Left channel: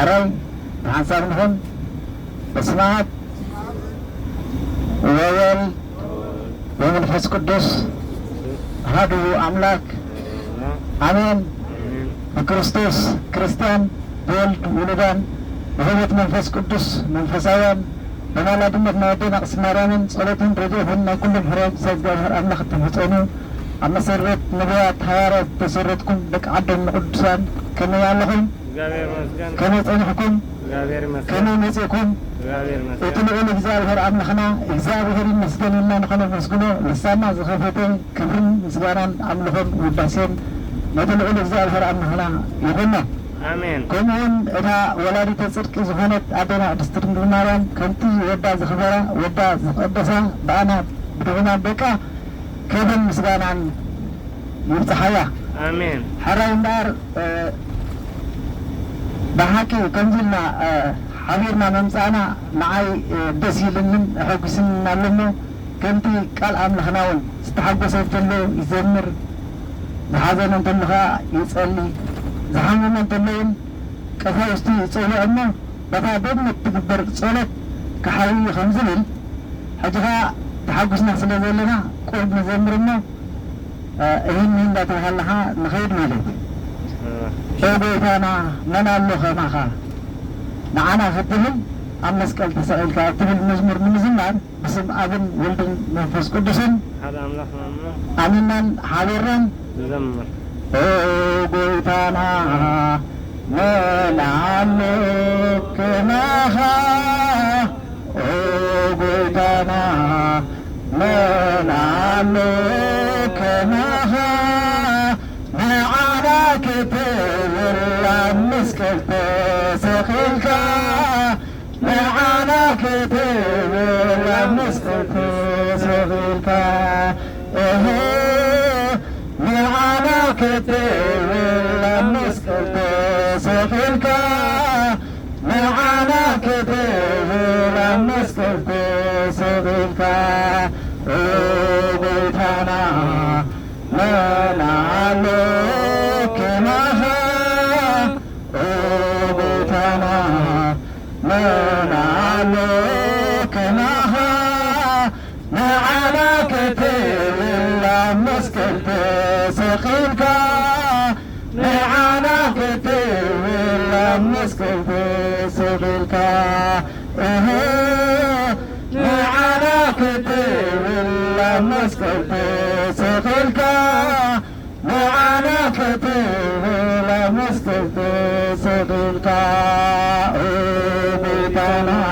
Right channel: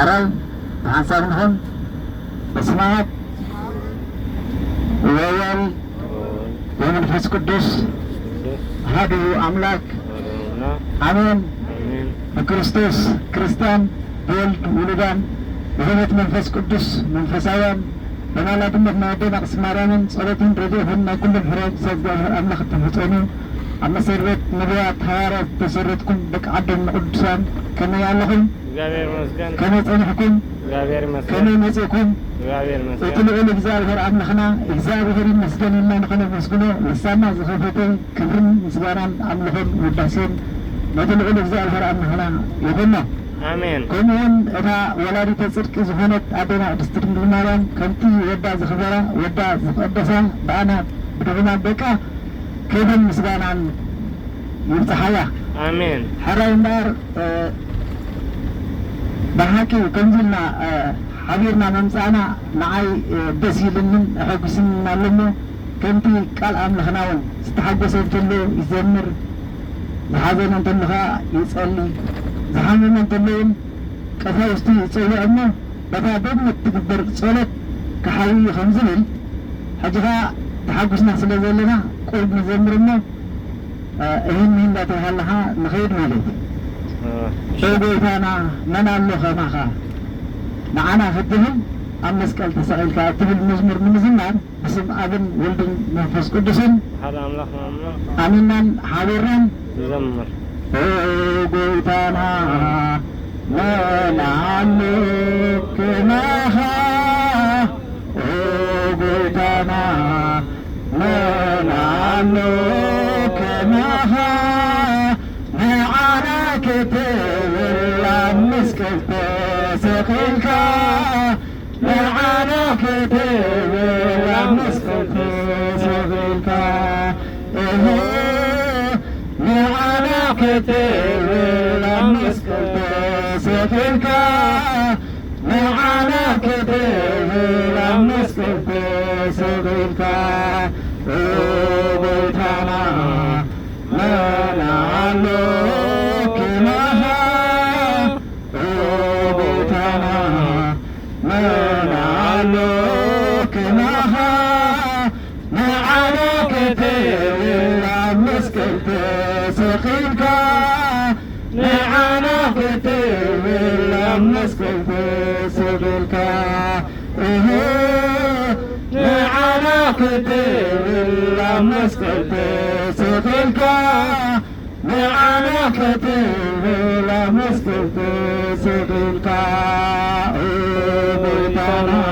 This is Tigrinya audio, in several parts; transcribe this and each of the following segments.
حرام حسن هم اسمعت ويل ومنفس قدس هادو أملاك آمين بكريستوس كريستيان بولد ولدان بهمة منفس قدس منفساوان أنا لا دمت نودين أقسم رامن صلاتين رجوهن كلهم حرام سيدنا أملاك تنفتوني أما سرت نبيات حوارات تسرتكم بك عبد القدسان كما يعلهم كما يتنحكم كما يمسيكم يتنعون إجزاء عبنا خنا إجزاء غير المسجن إلا نخنا مسجنه لسانا زخفتين كمين مسجاران عملهم وباسين يتنعون إجزاء عبنا خنا يغنى آمين كمون إذا ولادي تصدق زهونت عبنا دسترين دماران كنتي ودا زخبرا ودا زقدسا بأنا بدغنا بكا كيف مسجانا يفتحيا آمين حراي النار بحكي وكنزلنا حبيرنا منزعنا معي بزيل من حقسنا لنا كنتي قال عمل خناون استحقس له يزمر لحزن انت لها يسألني زحمنا انت لهم كفاوستي يسألي أما بدا بدنا تكبر صولت كحالي خمزلين حاجها تحقسنا سلازل لنا قلت نزمرنا إهن من لا تهلها نخير مالك بيتنا ننالو خماخا معنا في الدهن أمس قال تسأل كاتب المزمر من زمان بسم أبن ولد منفس قدسن هذا أملاح أمينا حاضرا زمر بيتنا ننالو خماخا بيتنا ننالو خماخا معنا كتير مسكت سخيلك معنا كتير مسكت سخيلك معنا كتير مسكت سخيلك معنا كتير مسكت سخيلك بيتنا ننالو كناها بيتنا ننالو كناها معنا كتير مسكت سخيلك معنا كتير مسكت سخيلك معنا كتير مسكت سخيلك معنا كتير مسكت سخيلك بيتنا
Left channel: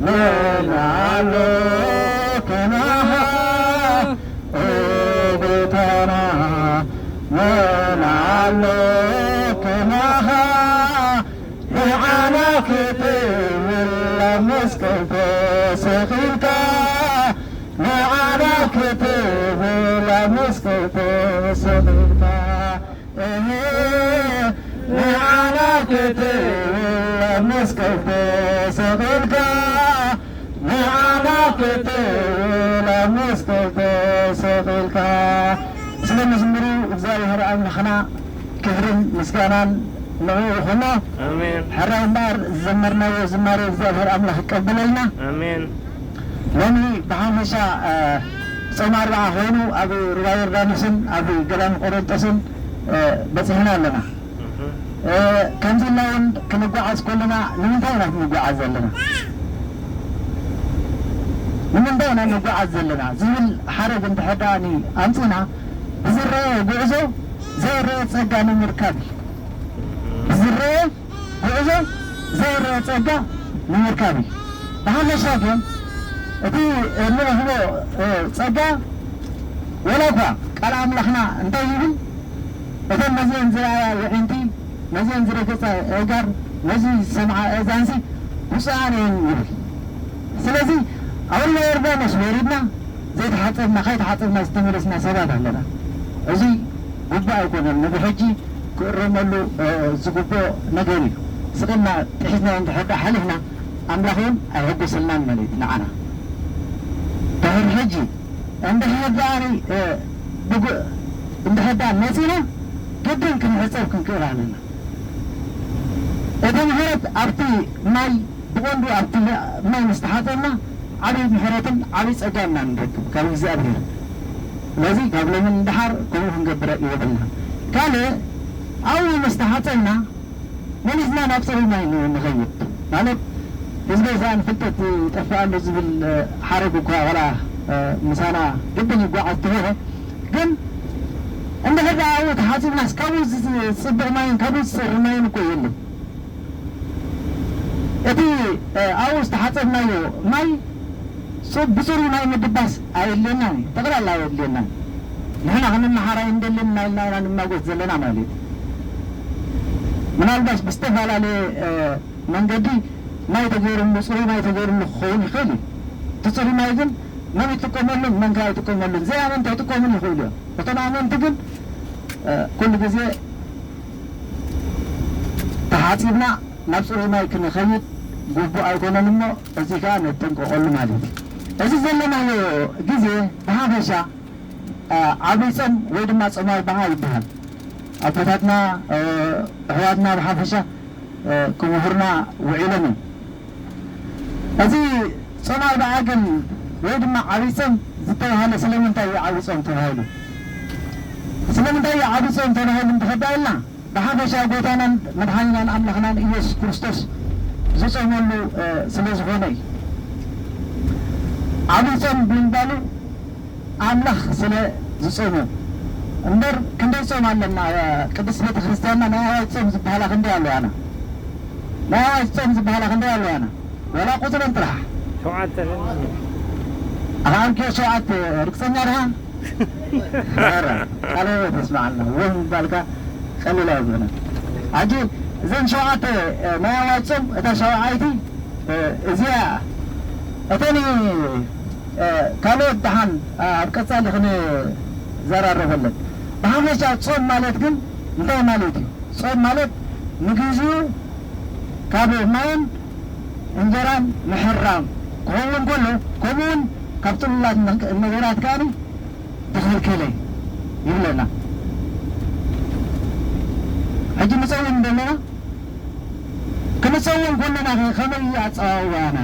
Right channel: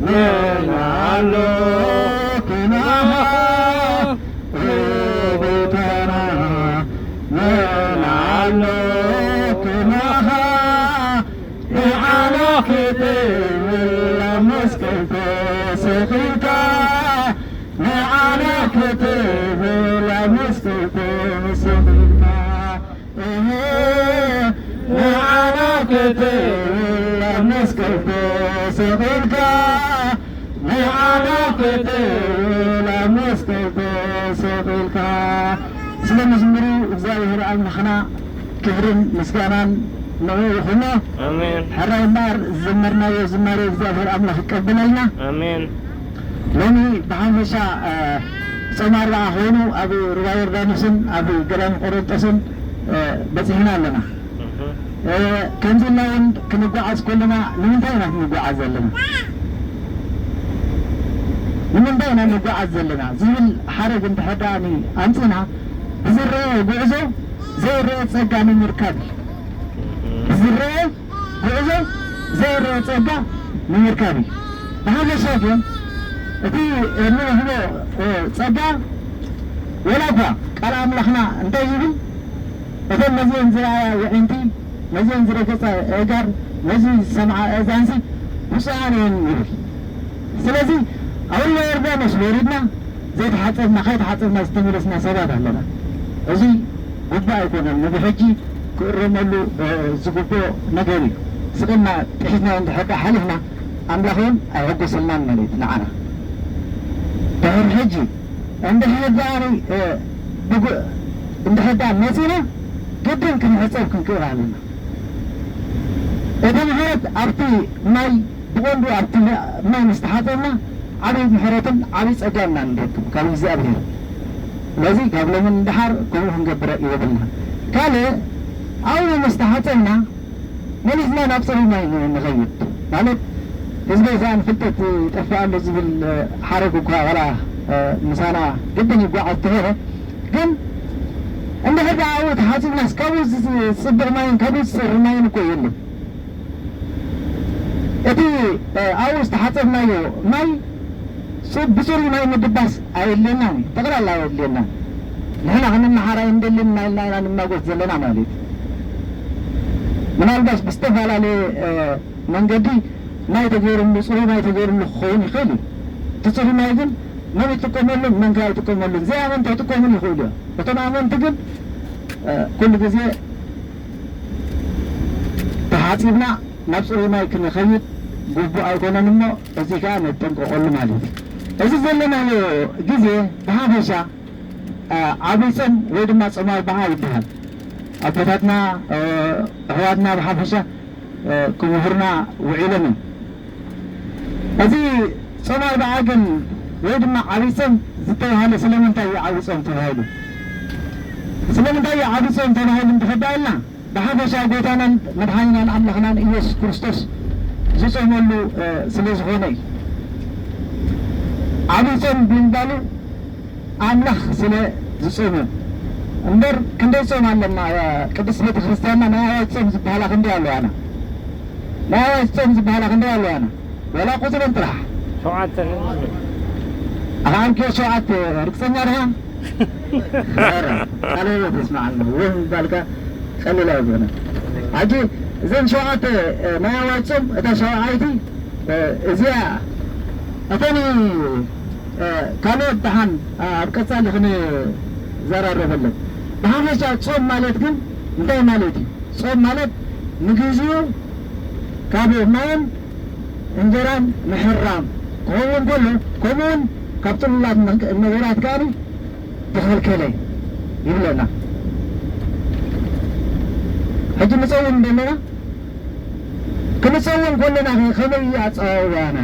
ننالو كناها بيتنا ننالو كناها معنا كتير مسكت سخيلك معنا كتير مسكت سخيلك معنا كتير مسكت سخيلك معنا كتير مسكت سخيلك سلام زمرو እግዚአብሔር አምላኽና ክብርን ምስጋናን ለሆነ آمين حراي النار زمرنا وزمار እግዚአብሔር አምላኽ ይቀበለልና آمين ለኒ በሐመሻ ሰማራ ሆኑ አብ ሩባይ ዮርዳኖስን አብ ገላን ቆሮንጦስን በጽሕና ኣለና ከምዝናውን ክንጓዓዝ ከለና ንምንታይ ኢና ክንጓዓዝ ዘለና ንምንታይ ኢና ንጓዓዝ ዘለና ዝብል ሓረግ እንተሕዳኒ ኣምፅና ብዝረአ ጉዕዞ ዘይረአ ፀጋ ንምርካብ ብዝረአ ጉዕዞ ዘይረአ ፀጋ ንምርካብ እዩ ብሓፈሻ ግን እቲ እንህቦ ፀጋ ወላ እኳ ቃል ኣምላኽና እንታይ ይብል እተን ነዚአን ዝረኣያ ውዕንቲ ነዚአን ዝረገፃ እጋር ነዚ ሰምዓ እዛንሲ ብፁዓን እየን ይብል ስለዚ ኣብና ዮርዳኖስ ወሪድና ዘይተሓፀብና ከይተሓፀብና ዝተመለስና ሰባት ኣለና እዚ ጉባኤ ኣይኮነን ነዚ ሕጂ ክእረመሉ ዝግብኦ ነገር እዩ ስቕና ጥሒዝና እንድሕዳ ሓሊፍና ኣምላኽ እውን ኣይሕጎሰልናን ማለት ንዓና ድሕሪ ሕጂ እንድሕዳ መፂና ግድን ክንሕፀብ ክንክእል ኣለና እቲ ምሕረት ማለት ኣብቲ ማይ ብቆንዱ ኣብቲ ማይ ምስተሓፀና ዓብይ ምሕረትን ዓብይ ፀጋምና ንረክብ ካብ እግዚኣብሔር ስለዚ ካብ ሎምን እንድሓር ከምኡ ክንገብረ ይወብልና ካልእ ኣብኡ ምስተሓፀና መሊስና ናብ ፀሩይ ማይ ንኸይድ ማለት ህዝበ ይሳን ፍልጠት ጠፋኣሎ ዝብል ሓረግ እኳ ቐላ ምሳና ግድን ይጓዓዝ ተኸረ ግን እንድሕር ኣብኡ ተሓፂብናስ ካብኡ ዝፅብቕ ማይን ካብኡ ዝፀሪ ማይን እኮ የለን እቲ ኣብኡ ዝተሓፀብናዮ ማይ ብፅሩይ ማይ ምድባስ ኣየድልየናን ጠቕላላ ኣየድልየናን ንሕና ክንመሓራይ እንደልን ናኢልና ኢና ንማጎት ዘለና ማለት ምናልባሽ ብዝተፈላለየ መንገዲ ማይ ተገይሩሉ ፅሩይ ማይ ተገይሩሉ ክኸውን ይኽእል እዩ እቲ ፅሩይ ማይ ግን መን ይጥቀመሉን መን ከዓ ይጥቀመሉን ዘይኣመንቲ ኣይጥቀሙን ይኽእሉ እዮም እቶም ኣመንቲ ግን ኩሉ ግዜ ተሓፂብና ናብ ፅሩይ ማይ ክንኸይድ ግቡእ ኣይኮነን እሞ እዚ ከዓ ነጠንቀቐሉ ማለት እዩ እዚ ዘለናዮ ግዜ ብሃፈሻ ዓብይ ፆም ወይ ድማ ፆም ኣርብዓ ይበሃል ኣቦታትና ኣሕዋትና ብሓፈሻ ክምሁርና ውዒሎም እዩ እዚ ፆም ኣርብዓ ግን ወይ ድማ ዓብይ ፆም ዝተባሃለ ስለምንታይ እዩ ዓብይ ፆም ተባሂሉ ስለምንታይ እዩ ዓብይ ፆም ተባሂሉ እንትኸዳልና ብሓፈሻ ጎይታናን መድሓኒናን ኣምላኽናን ኢየሱስ ክርስቶስ ዝፆመሉ ስለ ዝኾነ እዩ ዓብይ ፆም ብምባሉ ኣምላኽ ስለ ዝፆመ እምበር ክንደይ ፆም ኣለና ቅዱስ ቤተ ክርስቲያንና ናይ ኣዋጅ ፆም ዝበሃላ ክንደይ ኣለዋና ናይ ኣዋጅ ፆም ዝበሃላ ክንደይ ኣለዋና ወላ ቁፅረን ጥራሕ 7 ኣንኪዮ 7 ርግፀኛ ድኻ ቃለ ተስማዓና ወይ ምባልካ ቀሊል ኣይኮነን ሕጂ እዘን 7 ናይ ኣዋጅ ፆም እታ 7ይቲ እዚኣ እተን ካልኦት ድሓን ኣብ ቀፃሊ ክንዘራረበለን ብሓፈሻ ፆም ማለት ግን እንታይ ማለት እዩ ፆም ማለት ንግዚኡ ካብ ማይን እንጀራን ምሕራም ክኸውን ከሎ ከምኡውን ካብ ጥሉላት ነገራት ከዓኒ ተኸልከለ ይብለና ሕጂ ንፀውም ዘለና ክንፀውም ከለና ከመይ ኣፀዋውባና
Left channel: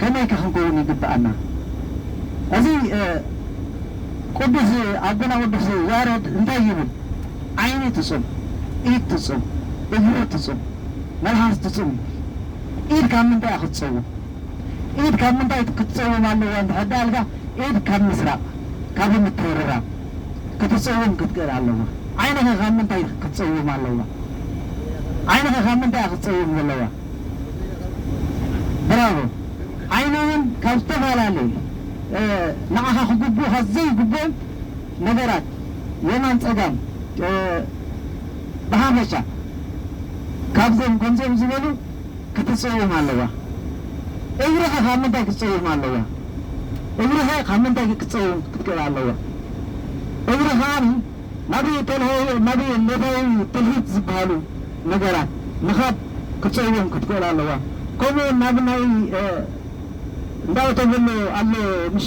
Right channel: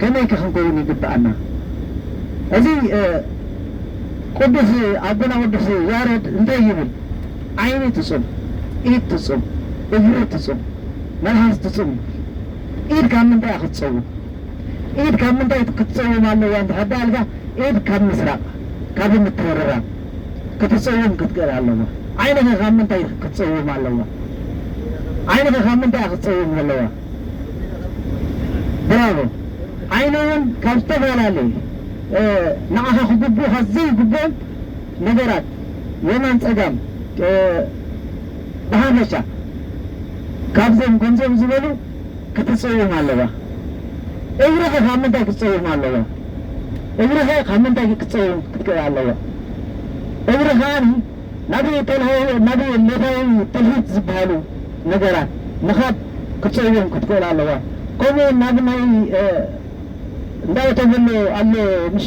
ከመይ ክንከውን ይግባአና እዚ ቅዱስ ኣቦና ቅዱስ ያሬድ እንታይ ይብል ዓይኒ ትፁም ኢድ ትፁም እግሪ ትፁም መልሓስ ትፁም ኢድ ካብ ምንታይ ክትፀውም ኢድ ካብ ምንታይ ክትፀውም ኣለዋ እንትሕዳልካ ኢድ ካብ ምስራቅ ካብ ምትወረራ ክትፀውም ክትክእል ኣለዋ ዓይንኸ ካብ ምንታይ ክትፀውም ኣለዋ ዓይንኸ ካብ ምንታይ ክትፀውም ኣለዋ ብራቮ ዓይኒ እውን ካብ ዝተፈላለዩ ንዓኻ ክግቡእ ዘይግቡእ ነገራት የማን ፀጋም ብሃፈሻ ካብዞም ከምዞም ዝበሉ ክትፀውም ኣለዋ እግርኸ ካብ ምንታይ ክትፀውም ኣለዋ እግርኸ ካብ ምንታይ ክትፀውም ክትክእል ኣለዋ እግሪ ከዓኒ ናብ ሎታዊ ጥልሂት ዝበሃሉ ነገራት ምኻድ ክትፀውም ክትክእል ኣለዋ ከምኡ ናብ ናይ እንዳተብሎ ኣሎ ምሽ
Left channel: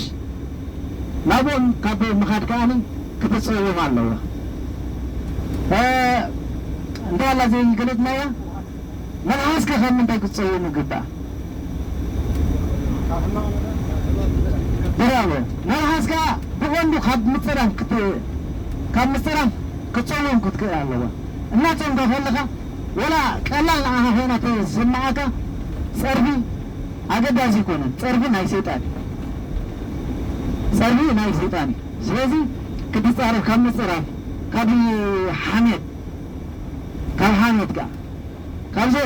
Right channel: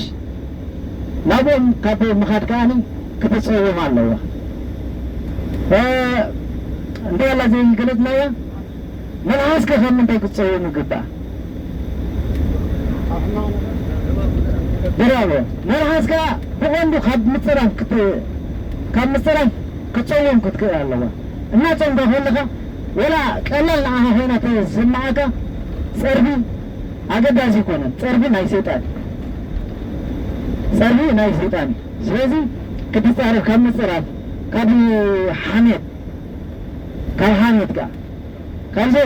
ናብኦም ካብ ምኻድ ከዓኒ ክትፀውም ኣለዋ እንታይ ኣላ ዘይገለፅናያ መልሓስከ ካብ ምንታይ ክትፀውም ይግባእ ብራቦ መልሓስካ ብቐንዱ ካብ ምፅራፍ ክትፀውም ክትክእል ኣለዋ እናፀምካ ከለኻ ወላ ቀላል ንዓኻ ኮይና ተስምዓካ ፀርቢ ኣገዳሲ ይኮነን ፀርቢ ናይ ሰይጣን እዩ ስለዚ ክትፃረፍ ካብ ምፅራፍ ካብ ሓሜት ከዓ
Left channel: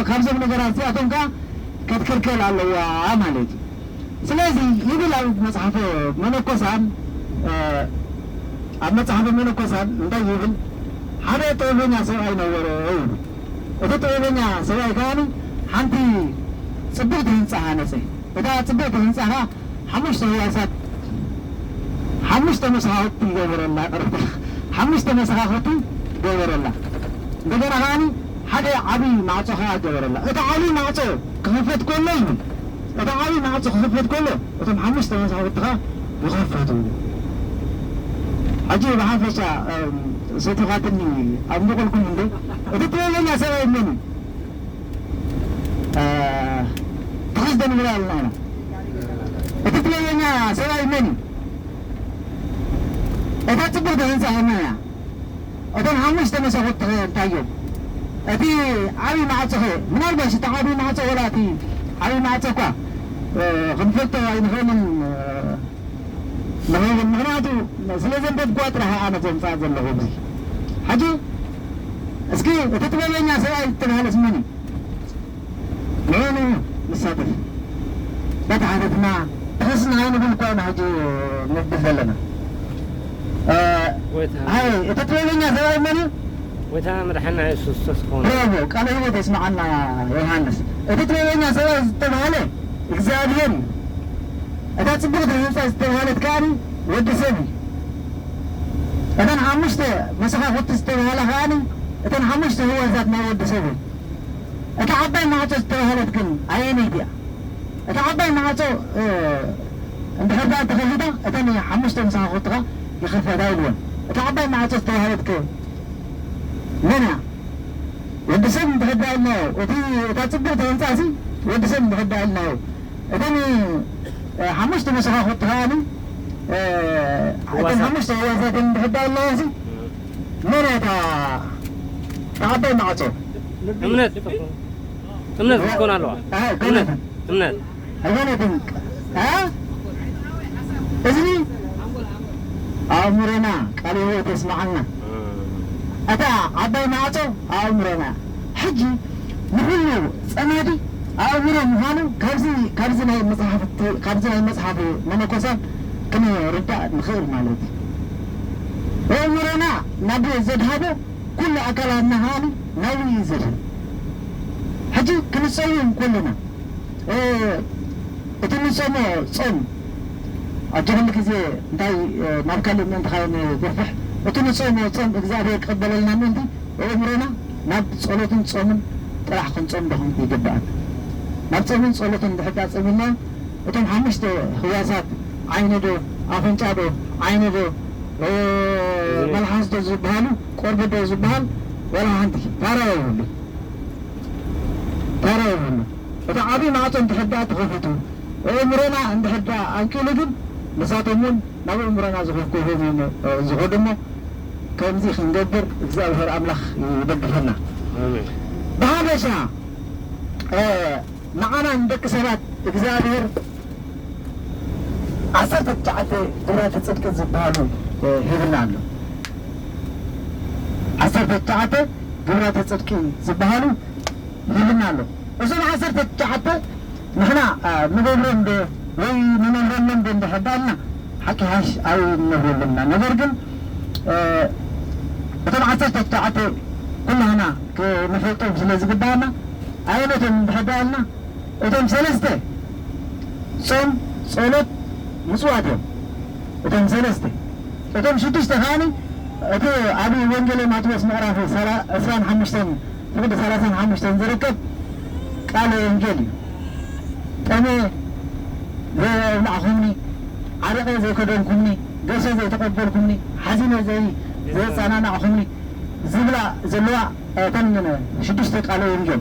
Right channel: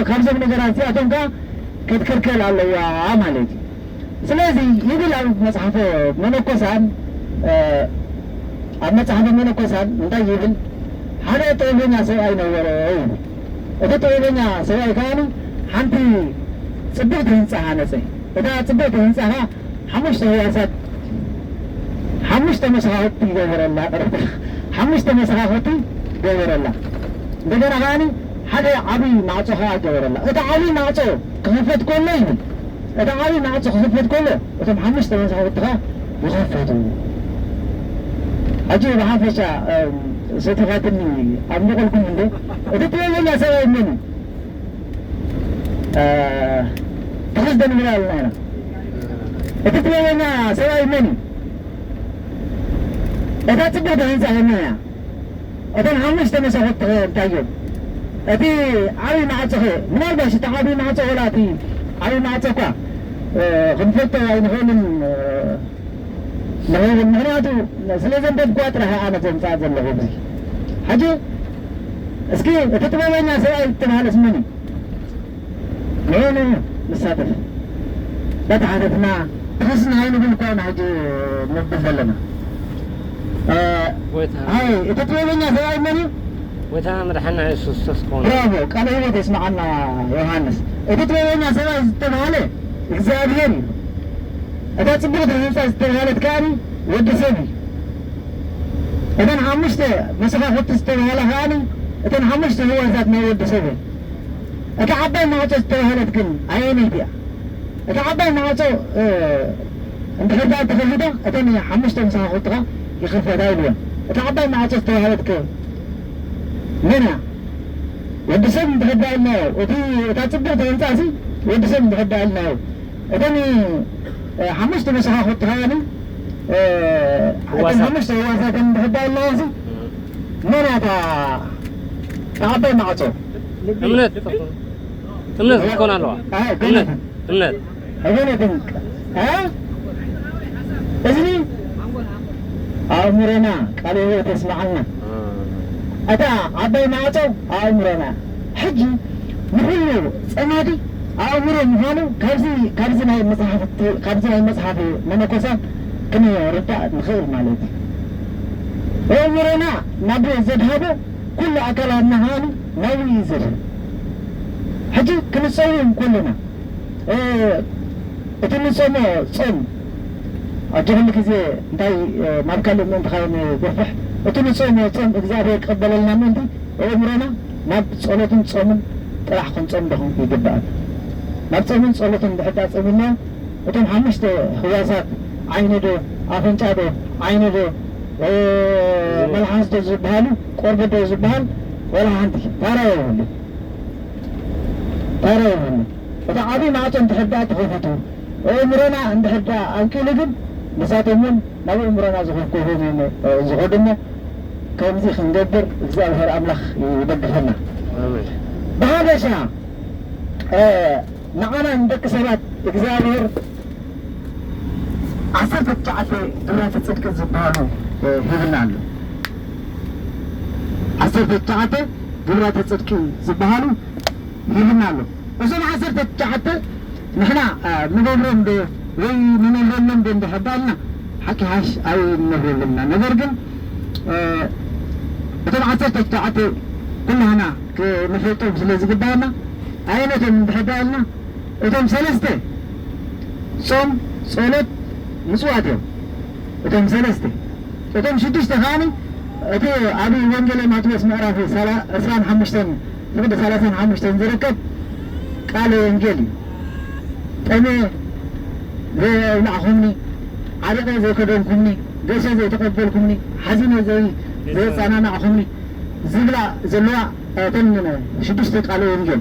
ካብዞም ነገራት እዚኣቶም ከዓ ክትክልከል ኣለዋ ማለት እዩ ስለዚ ይብል ኣብ መፅሓፈ መነኮሳን እንታይ ይብል ሓደ ጥበበኛ ሰብኣይ ነበረ እቲ ጥበበኛ ሰብኣይ ከዓኒ ሓንቲ ፅብቕቲ ህንፃ ሃነፀ እታ ፅብቕቲ ህንፃ ኸ 5 ህዋሳት 5 መሰኻኽቲ ይገበረላ ቀረብታ 5 መሰኻኽቲ ገበረላ እንደገና ከዓኒ ሓደ ዓብይ ማዕፆ ከዓ ገበረላ እቲ ዓብይ ማዕፆ ክኽፈት ከሎ ይብል እቲ ዓብይ ማዕፆ ክኽፈት ከሎ እቶም 5 መሰኻኽቲ ከዓ ይኸፈቱ ሕጂ ብሓፈሻ ሰተኻትኒ ኣብ ንቕልኩም እንዶ እቲ ጥበበኛ ሰብኣይ መን تخزدن من الله تتبعنا سواء مني إذا تبغى تنسى همنا أتن همش تمشي خط تايو أتي عاي مع تخي من هذا شيء تعابي مع تغلاتي عاي مع تقى غنفت وين هون المهراتو سلزم بدقات راح أنا تنفع ذا اللي بزي حاجة اسكي تتبعنا سواء تنهالس مني مين لساتف بتعرفنا تحسنا هاي بالكون حاجة مبدل لنا هاي تتبعنا سواء مني ويتها مدحنا يسوس تسخون برافو قال هو تسمع عنا يوحنس تتبعنا سواء تنهاله إكزابيري إذا تبغى تنسى استغلالة كاني ود سبي إذا حمشت مسافة خط استغلالة كاني إذا حمشت هو ذات ما ود سبي إذا عبّي ما عطوا استغلالة كن عيني ديا إذا عبّي ما عطوا عند خدمة تخليده إذا حمشت مسافة خطها يخف دايلون إذا عبّي ما عطوا استغلالة كن منها ود سبي بحب لنا إذا تبغى تنسى ود سبي بحب لنا إذا حمشت مسافة خطها لي حمشت هو ذات بحب الله زي منها تعبّي ما عطوا امنت تكون على الوقت امنت هذول بنك ها إذني أمرنا قالوا هو تسمعنا أتا عبّي معته أمرنا حجي نحلو سنادي أمرنا مهانو كارزنا المصحف من كوسان كنا رتاء الخير مالتي أمرنا نبي زدهابو كل أكلنا هاني ناوي يزد حجي كنسويهم كلنا تنسوم صوم أجرهم كذا انتي نبكلم من تخين ترفح تنسوم صوم إجزاء قبل لنا من ده أمرنا نب صلاة صوم راح نصوم دهم يجبأ نب صلاة حتى صومنا وتم حمشت خواسات عينه دو أفنجا دو عينه دو ملحس دو زبالو قرب دو زبال ولا عندي ترى إذا عبي ما عطوا انتحدات غفتهم أمرنا عند حتى أنكلهم مساتهم ما أمرنا زغفكوهم زغدنا كم زي خندبر إجزاء الهر أملخ يدبرنا بهذا شيء معنا عندك سنة إجزاء الهر عصرت التعافي برات تصدق الزبالو هيبنا عنه عصرت التعافي برات تصدق الزبالو هيبنا عنه وصل عصرت التعافي نحنا نقولهم ب ونقولهم بحبالنا حكي هاش أو نقولنا نقولنا بتوع عصرت التعافي كلنا هنا كنحطهم في اللي قدامنا عينتهم بحبالنا وتم سلسته صوم صلاه مسواتهم وتم سلسته وتم شدش تفاني أتي أبي وانجلي ما توس معرفي سلام حمشتين لقد سلاسان حمشتين زركب قال انجلي تاني زي معهمني عريقة زي كدونكمني جيشة زي تقبلكمني حزينة زي صنانا عهمني زبلا زلوا تنمنا شدش تقالوا انجل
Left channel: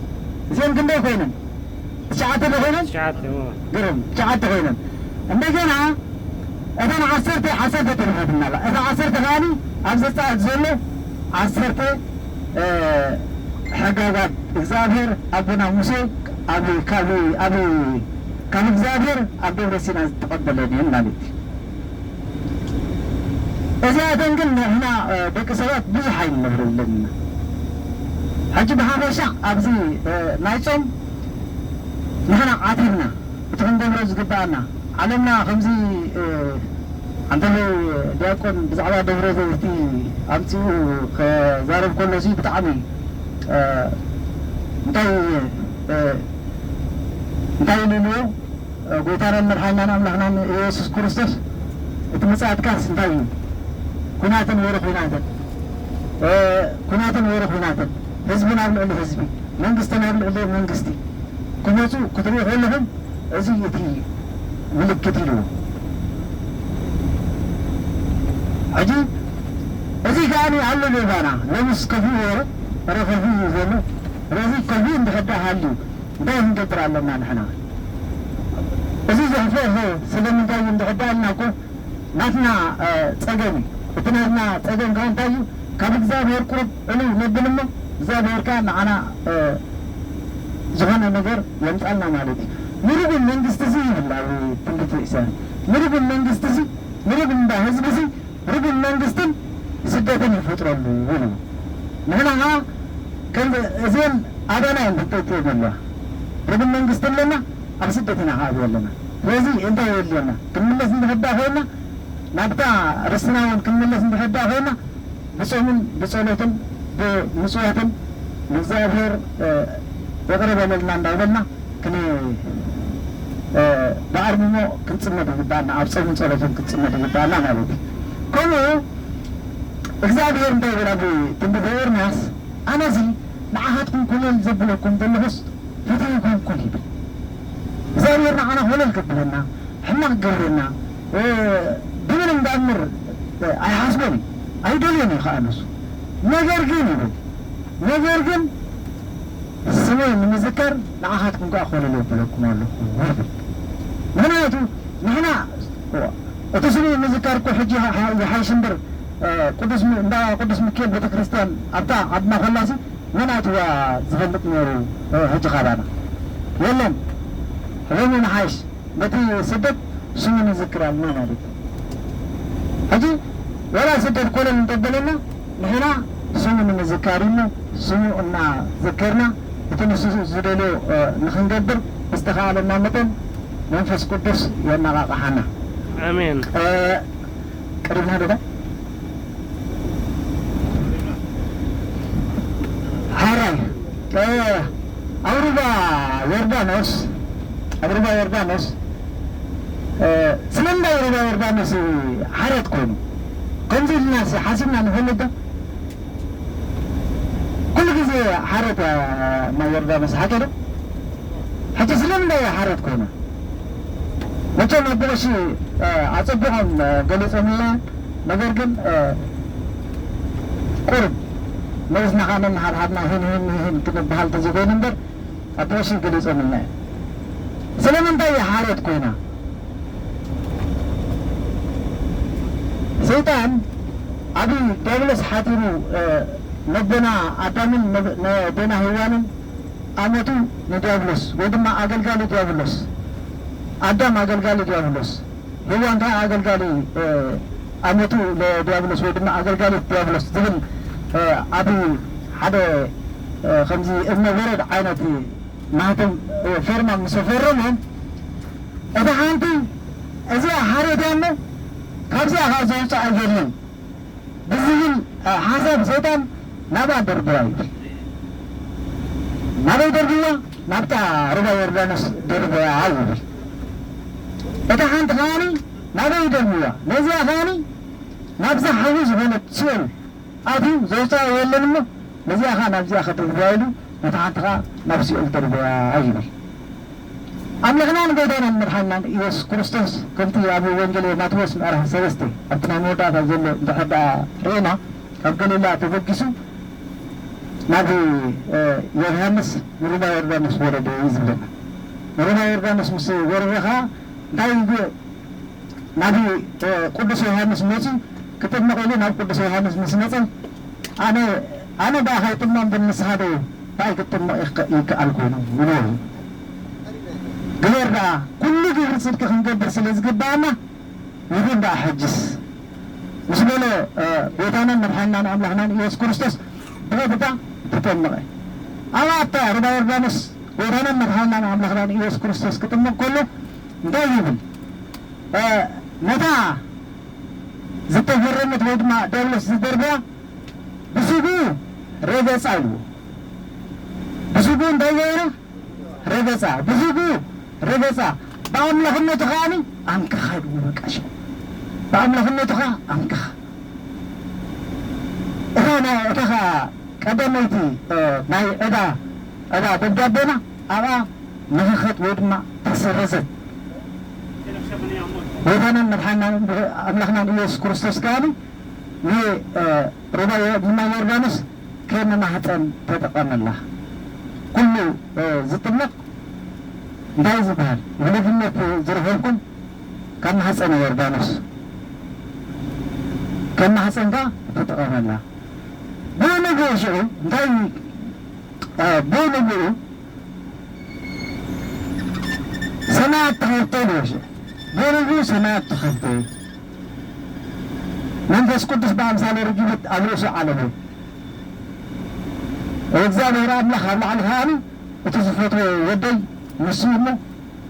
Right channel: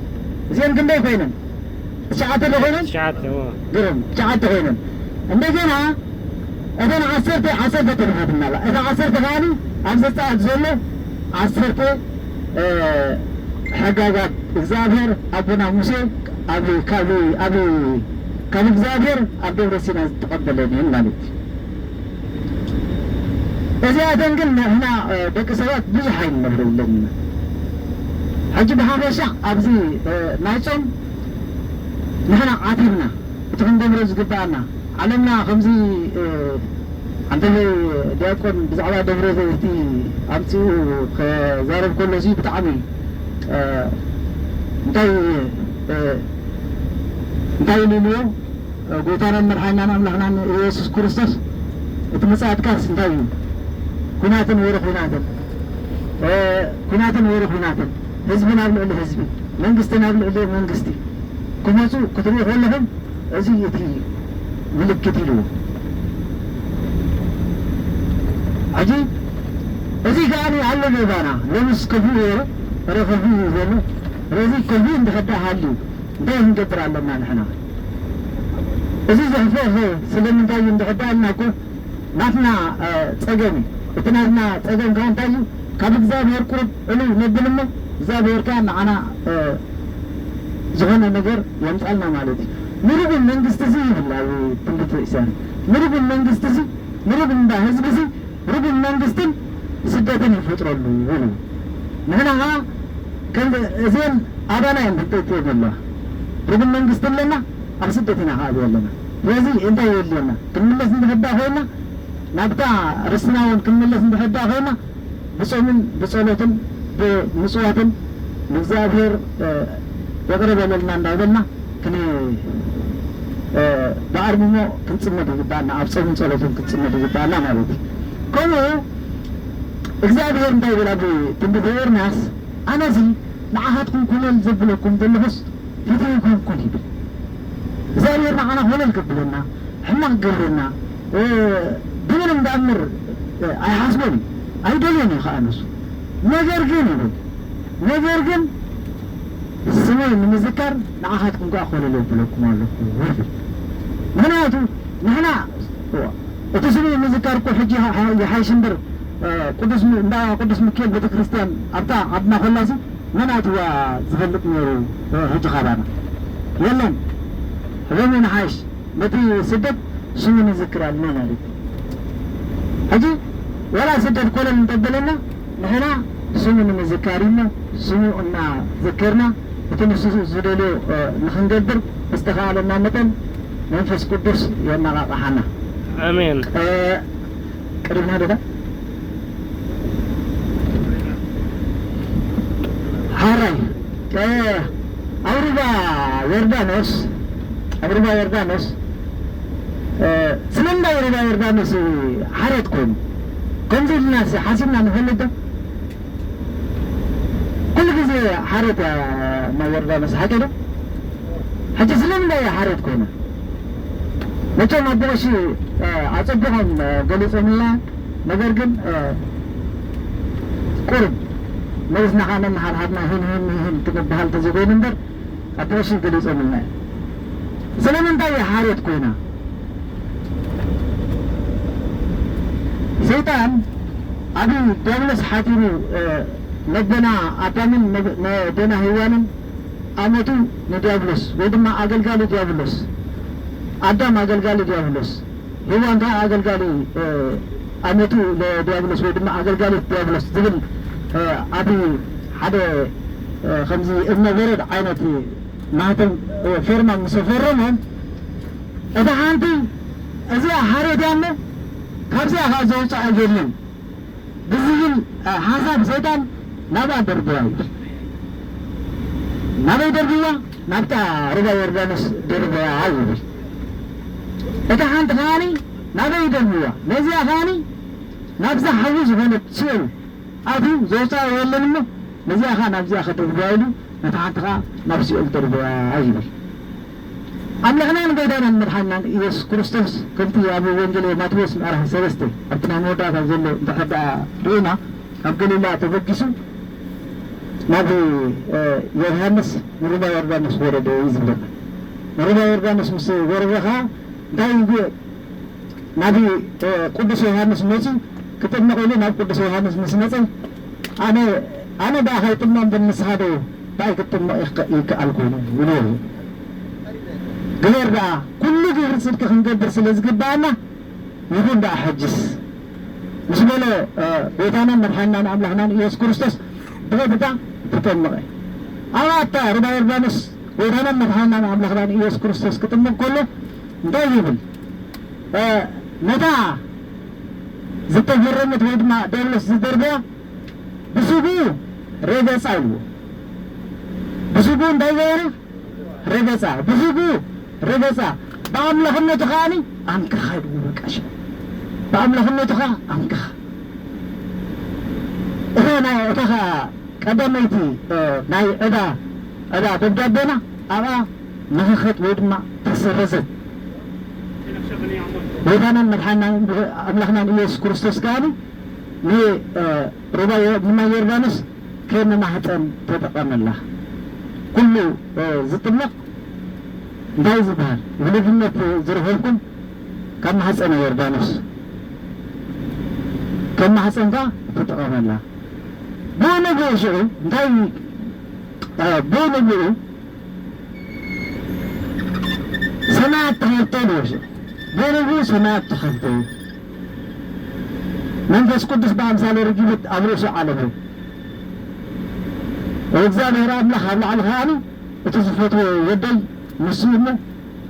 زين كندي فينن شعاتي بخينن شعاتي قرم شعاتي خينن عندنا إذا عصرت تلفون الله إذا عصرت غاني عصرت أتزله عصرت حقاقات إكزابير أبونا موسى أبي كابي إكزابير أبي رسينا تقبل لديهم مالك إذا أتنقلنا هنا بكسرات بزحين نقول لنا حجب حبشة أبزي نايتهم نحن عاتبنا وتفندم رزق بانا علمنا خمسي عندنا ديكون بزعلة دبرة زيتي أمسي خزارب كل شيء بتعمي انتي نيو قوتانا من حينا نحن يسوس كريستوس اتمساعد كاس انتي كناتن ورخ كناتن حزبنا بالعلي حزبي منقستنا بالعلي منقستي كناتو كتبوا غلهم ازيتي ملكت له عجيب ازي كانوا علموا بانا لمس كفوه رفضوه زنه رزي كلبين بحدا حالي እንታይ ንገብር ኣለና ንሕና እዚ ዘሕፍሕ ስለምንታይ እንድሕዳልናኩ ናትና ፀገም እቲ ናትና ፀገም ከዓ እንታይ እዩ ካብ እግዚኣብሔር ቁርብ ዕሉው ነብል እሞ እግዚአብሔር ከዓ ንዓና ዝኾነ ነገር የምፃልና ማለት እዩ ምርግን መንግስቲ እዚ ይብል ኣብ ትንቢተ ኢሳይያስ ምርግን መንግስቲ እዚ ምርግን እንዳ ህዝቢ እዚ ርግን መንግስትን ስደትን ይፈጥረሉ ይብሉ ንሕና ከዓ እዚአን ኣባና ንክጠይቅ የብላ ርግን መንግስቲ ኣለና ኣብ ስደት ኢና ከዓ ዘለና ስለዚ እንታይ የድልየና ክንምለስ እንድሕዳእ ኮይና ናብታ ርስና እውን ክንምለስ እንድሕዳእ ኮይና ብፆምን ብፀሎትን ብምፅዋትን ንእግዚአብሔር ዘቕርበለልና እንዳበልና ብኣርምሞ ክንፅመድ ይግባአና ኣብ ፆምን ፀሎትን ክንፅመድ ይግባአና ማለት እዩ ከምኡ እግዚአብሔር እንታይ ይብል ኣብ ትንቢተ ኤርምያስ ኣነዚ ንዓኻትኩም ኩነል ዘብለኩም ዘለኹስ ፊተይ ይኮንኩን ይብል እግዚአብሔር ንዓና ኩነል ክብለና ሕማቅ ገብረና ብምን እንዳምር ኣይሓስቦን እዩ ኣይደልዮን እዩ ከዓ ንሱ ነገር ግን ይብል ነገር ግን ስመይ ንምዝካር ንዓኻትኩም ከዓ ኮነል የብለኩም ኣለኩ ይብል ምክንያቱ ንሕና እቲ ስመይ ንምዝካር እኮ ሕጂ ይሓይሽ እምበር ቅዱስ ሚካኤል ቤተ ክርስቲያን ኣብታ ዓድና ኮላሲ መናእትዋ ዝፈልጥ ነይሩ ሕጂ ካባና የለን ሕበኒ ንሓይሽ ነቲ ስደት ስሙ ንዝክር ኣለና ማለት እዩ ሕጂ ወላ ስደት ኮነል እንጠበለና ንሕና ስሙ ንምዝካር ኢልና ስሙ እናዘከርና እቲ ንሱ ዝደልዮ ንክንገብር ዝተኸኣለና መጠን መንፈስ ቅዱስ የነቃቕሓና አሜን ቀሪብና ዶታ ሃራይ አብርባ ዮርዳኖስ ስለምንታይ ሩባ ዮርዳኖስ ሓርየት ኮይኑ ከምዚ ኢልና ሓሲብና ንፈልጥ ዶ ኩሉ ግዜ ሓርየት ማይ ዮርዳኖስ ሓቀ ዶ ሕጂ ስለምንታይ ሓርየት ኮይኑ መቸም ኣቦቀሺ ኣፀቢቖም ገሊፆምልና ነገር ግን ቁርብ ነብስና ከዓ ነናሓድሓድና ይህን ክንበሃል ተዘይኮይኑ እምበር ኣቦቀሺ ገሊፆምልና ስለምንታይ ሓርየት ኮይና ሰይጣን ኣብ ዲያብሎስ ሓቲሙ ነደና ኣዳምን ነደና ሄዋንን ኣመቱ ንዲያብሎስ ወይ ድማ ኣገልጋሊ ዲያብሎስ ኣዳም ኣገልጋሊ ዲያብሎስ ሄዋን ከዓ ኣገልጋሊ ኣመቱ ለዲያብሎስ ወይ ድማ ኣገልጋሊት ዲያብሎስ ዝብል ኣብ ሓደ ከምዚ እብነ በረድ ዓይነት ናቶም ፌርማ ምስ ፈረሞም እቲ ሓንቲ እዚኣ ሓርየት እሞ ካብዚኣ ከዓ ዘውፅኣ የለን ብዝብል ሓሳብ ሰይጣን ናብኣ ደርብያ እዩ ናበይ ደርብያ ናብታ ሩባ ዮርዳኖስ ደርብያ ይብል እታ ሓንቲ ከዓኒ ናበይ ደርብያ ነዚኣ ከዓኒ ናብዛ ሓዊ ዝኾነት ሲኦል ኣትዩ ዘውፅኣ የለን እሞ ነዚኣ ከዓ ናብዚኣ ከደርብያ ኢሉ ነታ ሓንቲ ከዓ ናብ ሲኦል ደርብያ ይብል ኣምላኽናን ጎይታናን መድሓኒናን ኢየሱስ ክርስቶስ ከምቲ ኣብ ወንጌል ማቴዎስ ምዕራፍ 3 ኣብቲ ናይ መወዳእታ ዘሎ እንተሕዳ ርኢና ኣብ ገሊላ ተበጊሱ ናብ ዮርዳኖስ ንሩባ ዮርዳኖስ ወረደ እዩ ዝብለና ንሩባ ዮርዳኖስ ምስ ወረደ ከዓ እንታይ ናብ ቅዱስ ዮሃንስ መፂ ክጥመቕ ኢሉ ናብ ቅዱስ ዮሃንስ ምስ መፀ ኣነ ዳ ከይጥመቕ ብምስኻ ዶ እንታይ ክጥመቕ ይከኣል ኮይኑ ይብሎ ግበር ደኣ ኩሉ ግብሪ ፅድቂ ክንገብር ስለ ዝግባአና ይኹን ደኣ ሕጅስ ምስ በሎ ጎይታናን መድሓኒናን ኣምላኽናን ኢየሱስ ክርስቶስ ብቐጥታ ትጠመቐ ኣብታ ሩባ ዮርዳኖስ ጎይታናን መድሓኒናን ኣምላኽናን ኢየሱስ ክርስቶስ ክጥመቕ ከሎ እንታይ ይብል ነታ ዝተፈረመት ወይ ድማ ዲያብሎስ ዝደርብያ ብስጉ ረገፃ ይልዎ ብስጉ እንታይ ገይሩ ረገፃ ብስጉ ረገፃ ብኣምላኽነቱ ከዓኒ ኣንክኻ ይብሉ በቃሽ ብኣምላኽነቱ ከዓ ኣንክኻ እታ ከዓ ቀዳመይቲ ናይ ዕዳ ደብዳቤና ኣብኣ ንኽኸጥ ወይ ድማ ተሰረዘት ጎይታናን መድሓኒናን ኣምላኽናን ኢየሱስ ክርስቶስ ከዓኒ ንማይ ዮርዳኖስ ከይመናህፀን ተጠቐመላ ኩሉ ዝጥመቕ እንታይ ዝበሃል ብልግነት ዝረኸብኩም ካብ ማህፀነ ዮርዳኖስ ከም ማህፀንካ ትጥቀመላ ብንግኡ ሽዑ እንታይ ብንግኡ ሰማያት ተኸተሉ ብንግኡ ሰማያት ተኸተሉ መንፈስ ቅዱስ በአምሳለ ርግቢት ኣብ ርእሱ ዓለሙ እግዚአብሔር አምላክ ኣብ ላዕሊ ከዓኒ እቲ ዝፈትዎ ወደይ ንሱ እሞ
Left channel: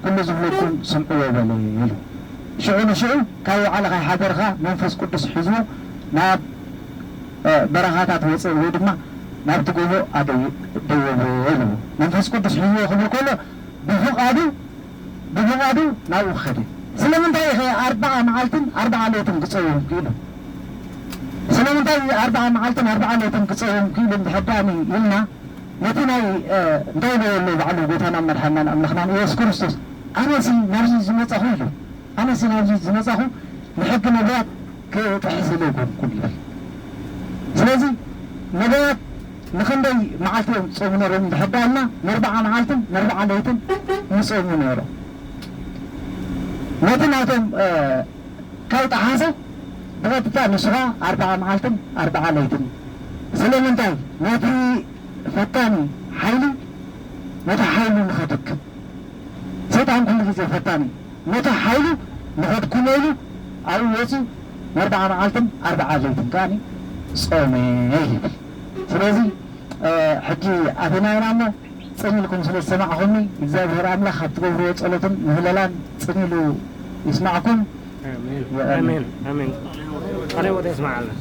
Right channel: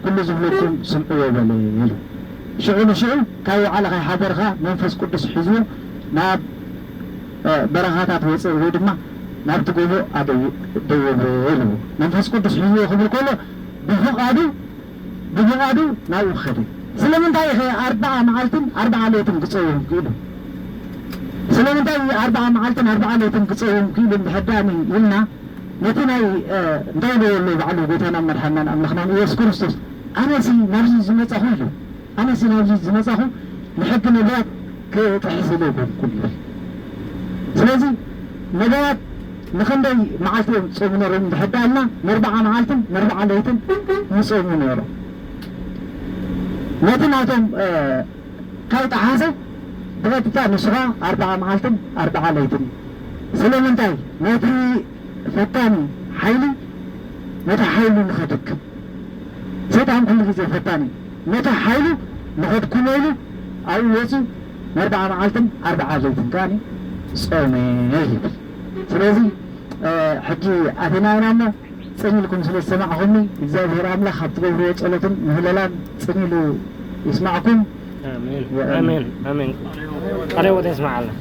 ኩሉ ዝብለኩም ስምዕዎ በለ ኢሉ ሽዑ ንሽዑ ካብ ባዕልኻ ሓደርካ መንፈስ ቅዱስ ሒዝዎ ናብ በረኻታት ወፅእ ወይ ድማ ናብቲ ጎቦ ደይብሮ ኢሉ መንፈስ ቅዱስ ሒዝዎ ክብል ከሎ ብፍቓዱ ናብኡ ኸደ ስለምንታይ ኸ 40 መዓልትን 40 ሌትን ክፀውም ክኢሉ ስለምንታይ 40 መዓልትን 40 ሌትን ክፀውም ክኢሉ እንድሕዳኒ ኢልና ነቲ ናይ እንታይ በየሉ ባዕሉ ጎይታና መድሓናን ኣምላኽናን ኢየሱስ ክርስቶስ ኣነሲ ናብዚ ዝመፃኹ ኢሉ ኣነሲ ናብዚ ዝመፃኹ ንሕጊ ነቢያት ክጥሕስለ ይኮንኩን ይብል ስለዚ ነቢያት ንክንደይ መዓልቲ እዮም ዝፀሙ ነሮም እንድሕዳልና ን40 መዓልትን ን40 ሌትን ይፀሙ ነይሮም ነቲ ናቶም ካይጠሓሰ ብቐጥታ ንስኻ 40 መዓልትን 40 ሌትን ስለምንታይ ነቲ ፈታኒ ሓይሊ ነቲ ሓይሉ ንኸድክም ሰይጣን ኩሉ ግዜ ፈታኒ ነቲ ሓይሉ ንኸድኩም ኢሉ ኣብኡ ወፂኡ ን40 መዓልትን 40 ሌትን ከዓኒ ጾመ ይብል ስለዚ ሕጂ ኣቴናይና እሞ ፅኒኢልኩም ስለ ዝሰማዕኹምኒ እግዚኣብሔር ኣምላኽ ኣብ ትገብርዎ ጸሎትን ምህለላን ፅኒኢሉ يسمعكم آمين آمين آمين قريبا يسمع الله